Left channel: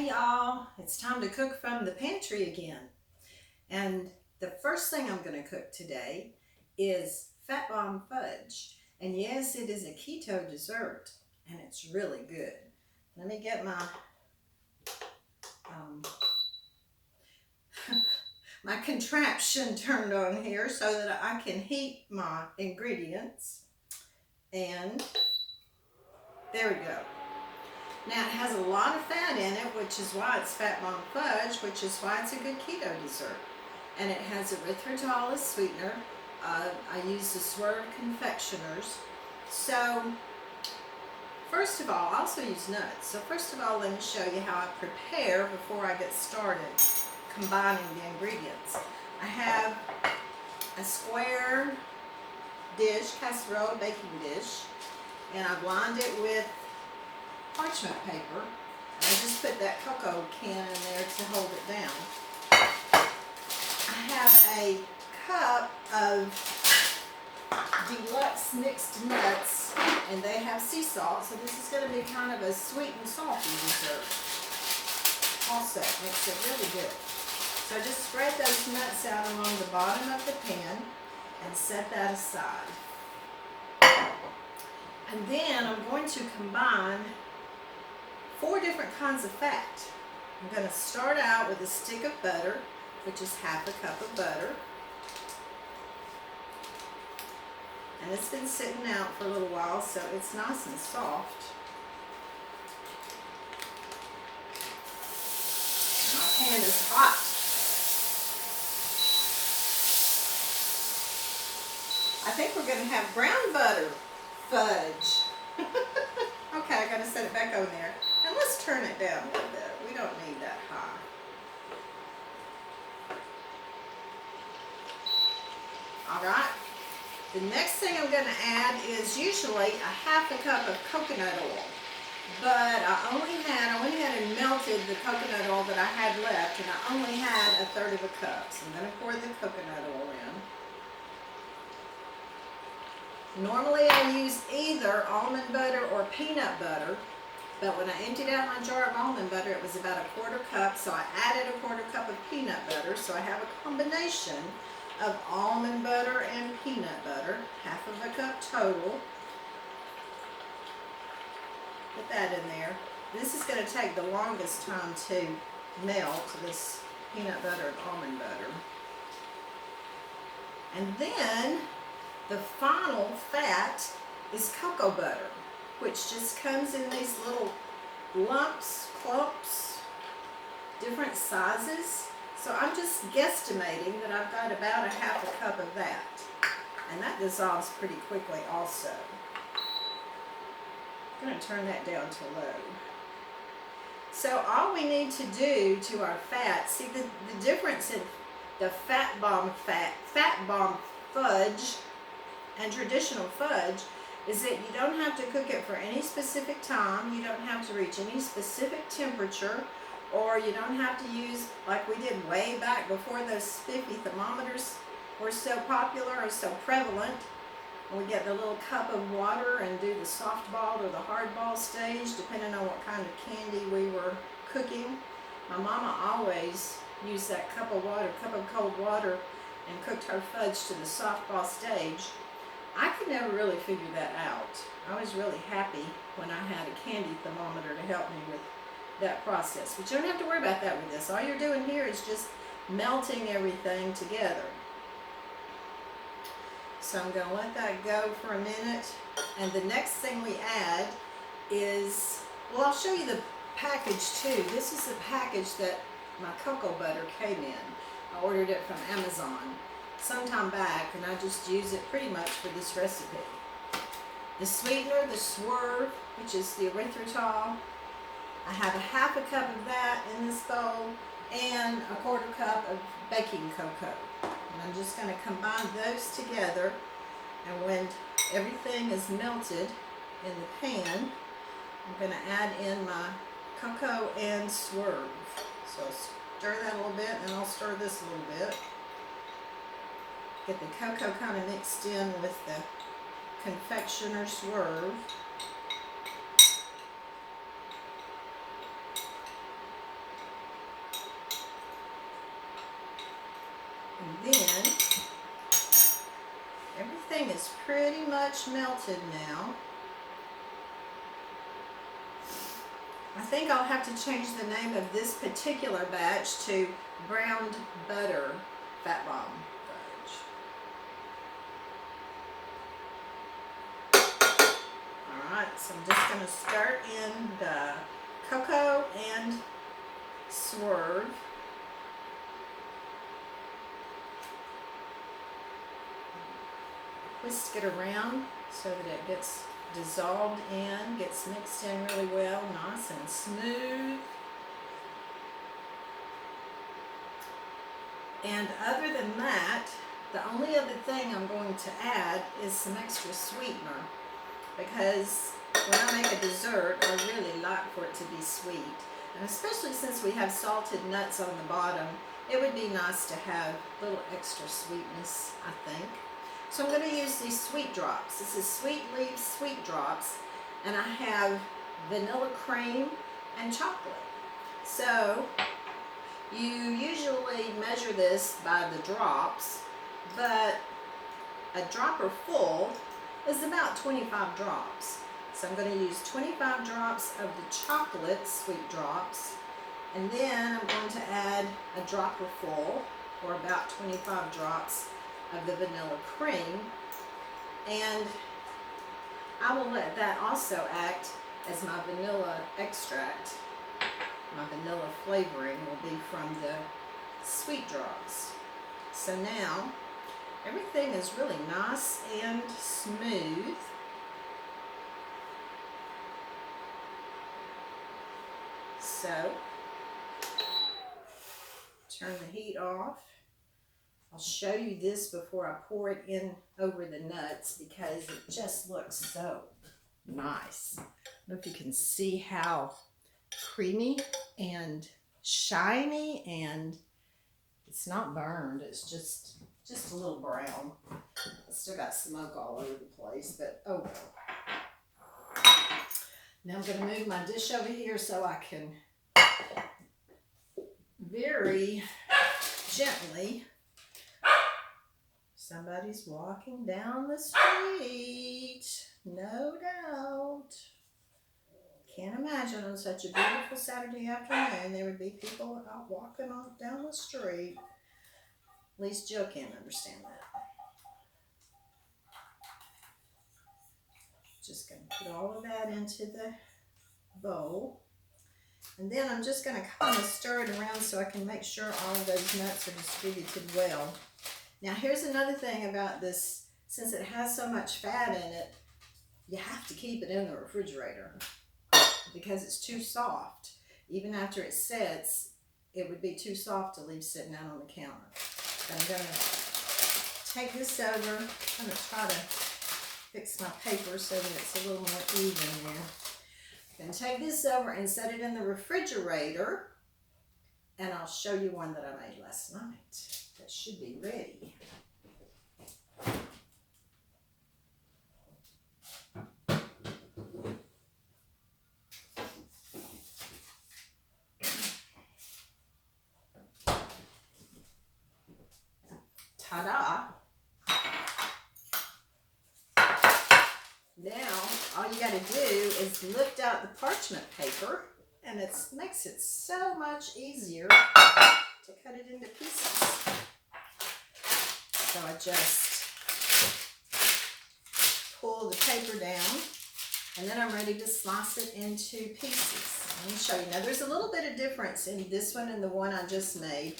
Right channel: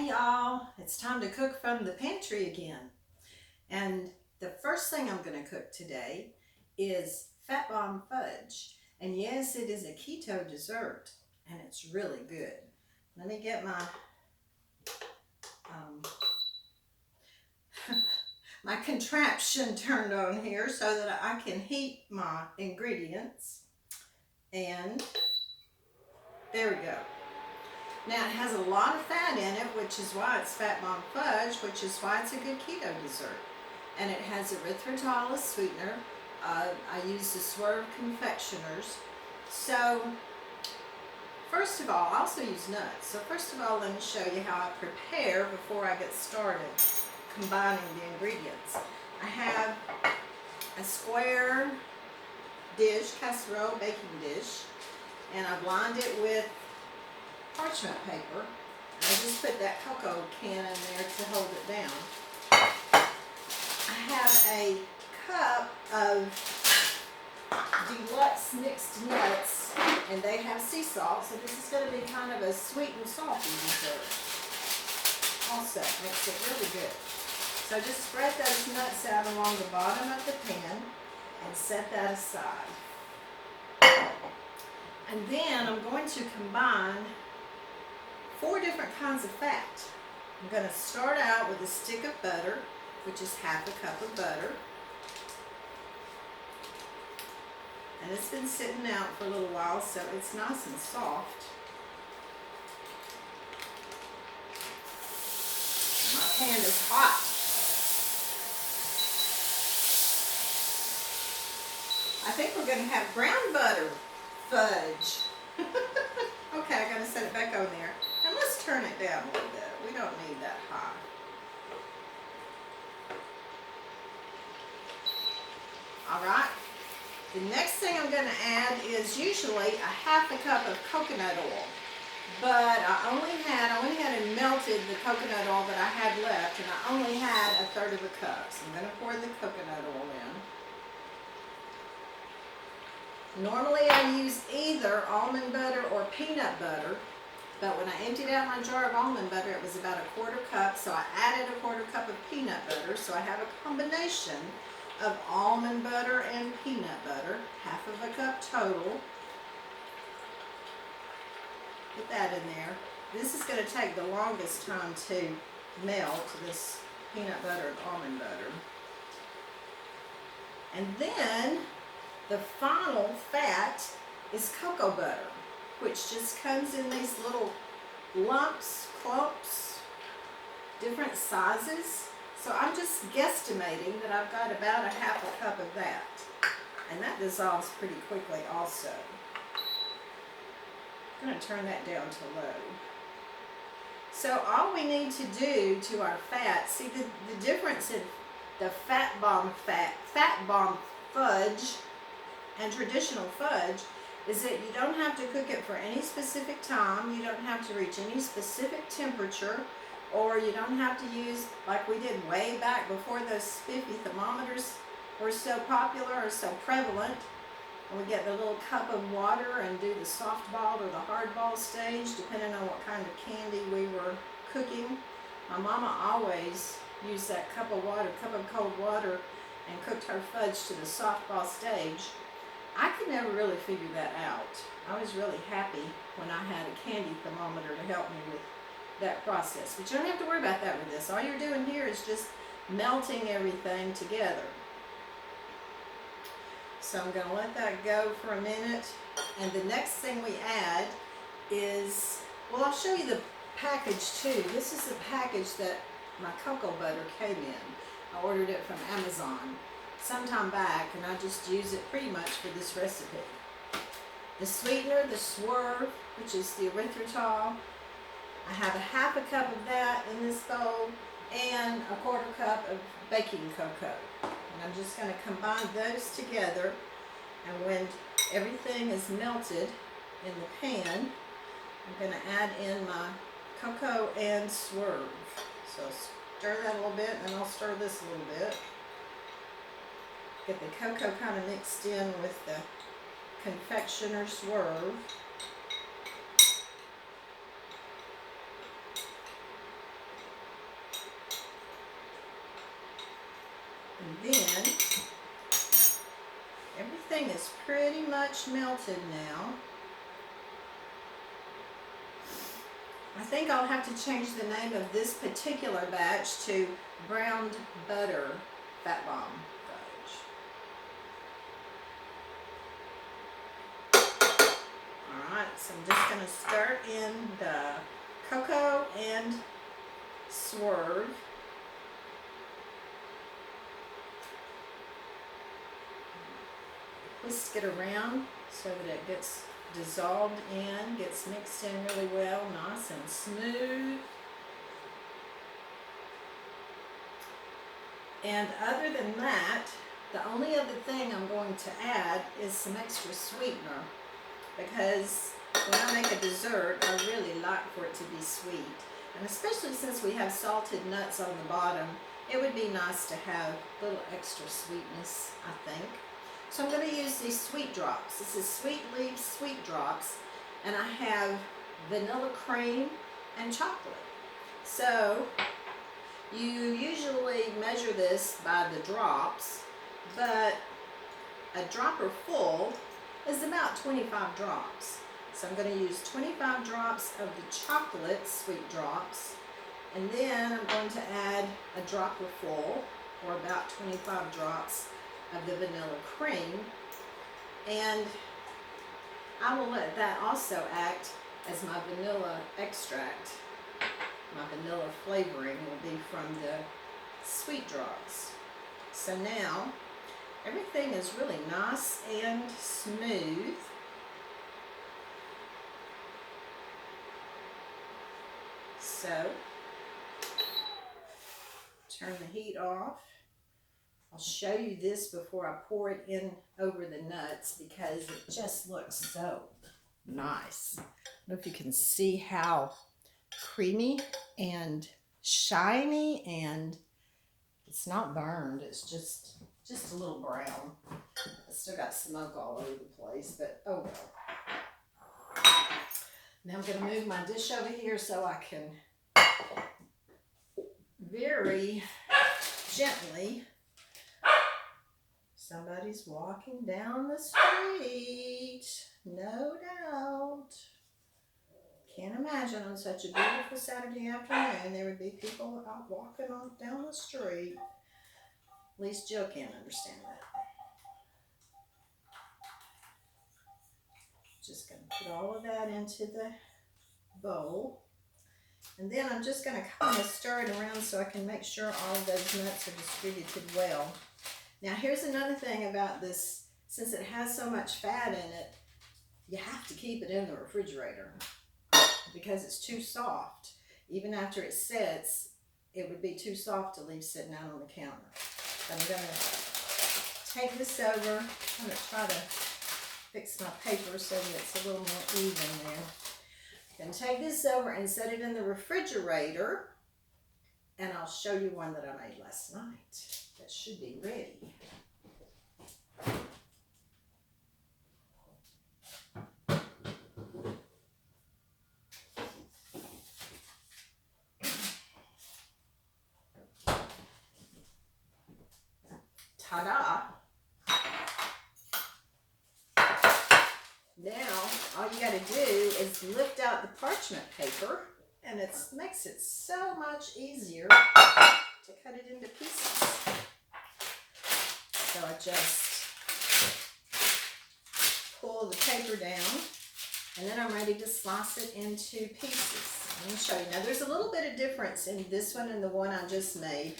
Hey y'all, it's time to cook from the pantry again. And the first thing I'm going to cook today is Bomb Fudge. And yes, it is a keto dessert and it's really good. Let me get my my contraption turned on here so that I can heat my ingredients. And there we go. Now it has a lot of fat in it, which is why it's Bomb Fudge, which is why it's a good keto dessert. And it has erythritol as sweetener. I use the Swerve confectioners. So first of all, I also use nuts. So first of all, let me show you how I prepare before I get started combining the ingredients. I have a square dish, casserole baking dish, and I've lined it with parchment paper. I just put that cocoa can in there to hold it down. I have a cup of deluxe mixed nuts, and they have sea salt, so this is going to be kind of a sweet and salty dessert. Also, makes it really good. So just spread those nuts out along the bottom of the pan and set that aside. And then I'm going to combine 4 different kinds of fat. I'm going to start out with a stick of butter, which is half a cup of butter. And it's been sitting out for a little while, so it's nice and soft. My pan is hot. I think we're going to have brown butter fudge. Okay, I gotta set it back on there. And let's turn it down a little bit. We don't need that high. Alright. The next thing I'm gonna add is usually a half a cup of coconut oil. But I went ahead and melted the coconut oil that I had left, and I only had 1/3 of a cup. So I'm gonna pour the coconut oil in. Normally I use either almond butter or peanut butter, but when I emptied out my jar of almond butter, it was about 1/4 cup, so I added 1/4 cup of peanut butter, so I have a combination of almond butter and peanut butter, half of a cup total. Put that in there. This is going to take the longest time to melt, this peanut butter and almond butter. And then the final fat is cocoa butter, which just comes in these little lumps, clumps, different sizes. So I'm just guesstimating that I've got about 1/2 cup of that. And that dissolves pretty quickly also. I'm going to turn that down to low. So all we need to do to our fat, see the difference in the Fat Bomb Fudge and traditional fudge is that you don't have to cook it for any specific time, you don't have to reach any specific temperature, or you don't have to use, like we did way back before those spiffy thermometers were so popular or so prevalent, and we get the little cup of water and do the soft-ball or the hard-ball stage, depending on what kind of candy we were cooking. My mama always used that cup of cold water, and cooked her fudge to the soft-ball stage. I could never really figure that out. I was really happy when I had a candy thermometer to help me with that process. But you don't have to worry about that with this. All you're doing here is just melting everything together. So I'm going to let that go for a minute. And the next thing we add is, well, I'll show you the package too. This is the package that my cocoa butter came in. I ordered it from Amazon sometime back, and I just use it pretty much for this recipe. The sweetener, the Swerve, which is the erythritol, I have 1/2 cup of that in this bowl, and 1/4 cup of baking cocoa. And I'm just going to combine those together, and when everything is melted in the pan, I'm going to add in my cocoa and Swerve. So stir that a little bit, and then I'll stir this a little bit. Get the cocoa kind of mixed in with the confectioner Swerve. is pretty much melted now. I think I'll have to change the name of this particular batch to browned butter fat bomb fudge. Alright, so I'm just going to start in the cocoa and swerve. Whisk it around so that it gets dissolved in, gets mixed in really well, nice and smooth. And other than that, the only other thing I'm going to add is some extra sweetener, because when I make a dessert, I really like for it to be sweet. And especially since we have salted nuts on the bottom, it would be nice to have a little extra sweetness, I think. So I'm going to use these sweet drops. This is Sweet Leaf Sweet Drops, and I have vanilla cream and chocolate. So you usually measure this by the drops, but a dropper full is about 25 drops. So I'm going to use 25 drops of the chocolate sweet drops, and then I'm going to add a dropper full, or about 25 drops, of the vanilla cream, and I will let that also act as my vanilla extract. My vanilla flavoring will be from the sweet drops. So now everything is really nice and smooth. So turn the heat off. I'll show you this before I pour it in over the nuts, because it just looks so nice. I don't know if you can see how creamy and shiny, and it's not burned. It's just a little brown. I still got smoke all over the place, but oh well. Now I'm going to move my dish over here so I can very gently. Somebody's walking down the street, no doubt. Can't imagine on such a beautiful Saturday afternoon there would be people out walking down the street. At least Joe can't understand that. Just going to put all of that into the bowl. And then I'm just going to kind of stir it around so I can make sure all of those nuts are distributed well. Now here's another thing about this. Since it has so much fat in it, you have to keep it in the refrigerator because it's too soft. Even after it sets, it would be too soft to leave sitting out on the counter. So I'm going to take this over. I'm going to try to fix my paper so that it's a little more even there. I'm going to take this over and set it in the refrigerator, and I'll show you one that I made last night. That should be ready. Ta-da! Now, all you got to do is lift out the parchment paper, and it makes it so much easier to cut it into pieces. So I just pull the paper down, and then I'm ready to slice it into pieces. Let me show you. Now there's a little bit of difference in this one and the one I just made.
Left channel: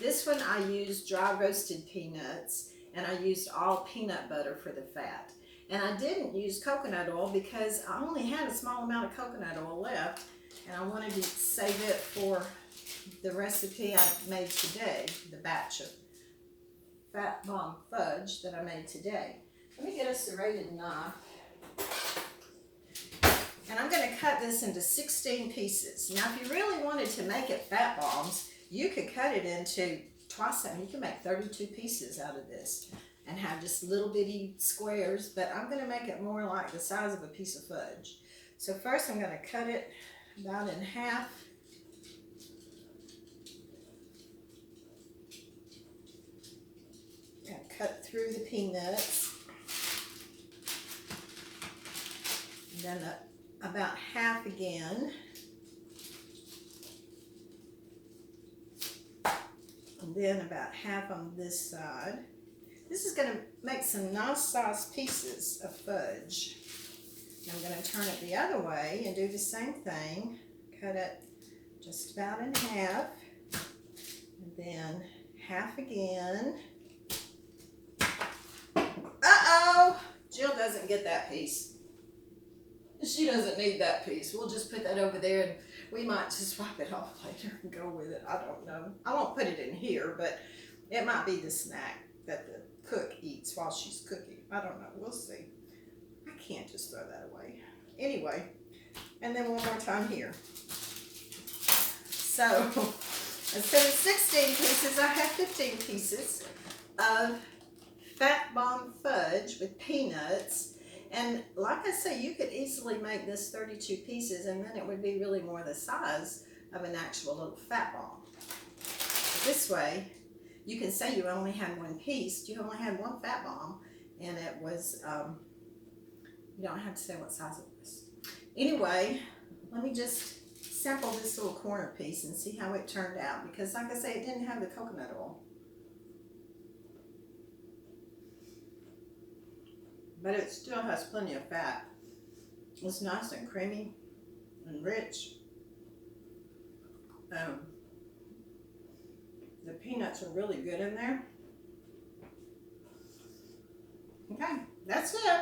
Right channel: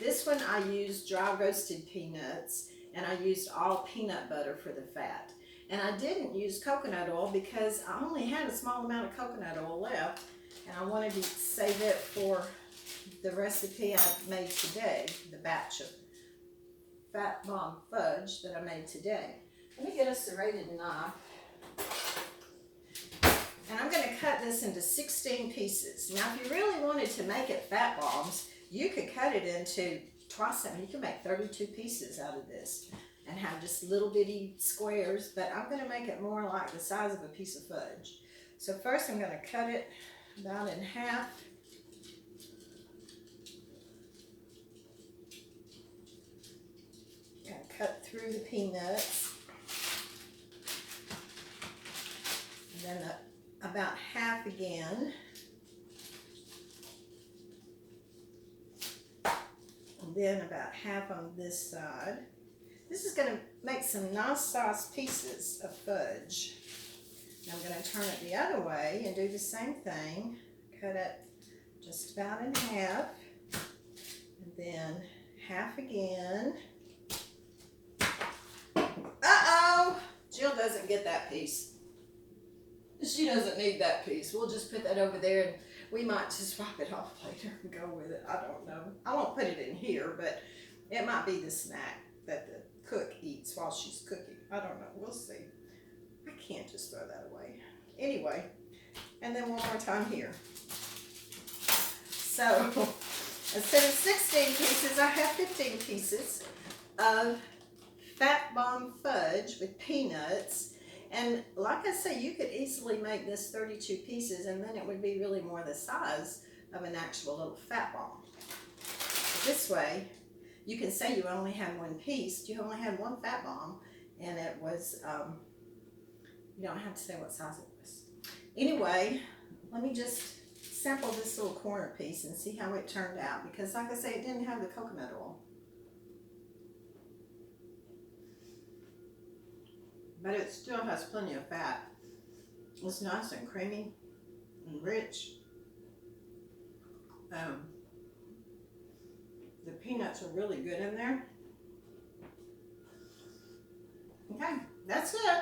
This one I used dry roasted peanuts, and I used all peanut butter for the fat. And I didn't use coconut oil because I only had a small amount of coconut oil left, and I wanted to save it for the recipe I made today, the batch of fat bomb fudge that I made today. Let me get a serrated knife. And I'm going to cut this into 16 pieces. Now, if you really wanted to make it fat bombs, you could cut it into twice that. You can make 32 pieces out of this and have just little bitty squares, but I'm going to make it more like the size of a piece of fudge. So first I'm going to cut it about in half. I'm going to cut through the peanuts. then about half again. And then about half on this side. This is going to make some nice sized pieces of fudge. I'm going to turn it the other way and do the same thing. Cut it just about in half. And then half again. Uh-oh! Jill doesn't get that piece. She doesn't need that piece. We'll just put that over there, and we might just wipe it off later and go with it. I don't know. I won't put it in here, but it might be the snack that the cook eats while she's cooking. I don't know. We'll see. I can't just throw that away. Anyway, and then one more time here. So instead of 16 pieces, I have 15 pieces of Fat Bomb Fudge with peanuts. And like I say, you could easily make this 32 pieces, and then it would be really more the size of an actual little fat bomb. But this way, you can say you only had one piece. You only had one fat bomb, and it was, you don't have to say what size it was. Anyway, let me just sample this little corner piece and see how it turned out, because like I say, it didn't have the coconut oil. But it still has plenty of fat. It's nice and creamy and rich. The peanuts are really good in there. Okay, that's it.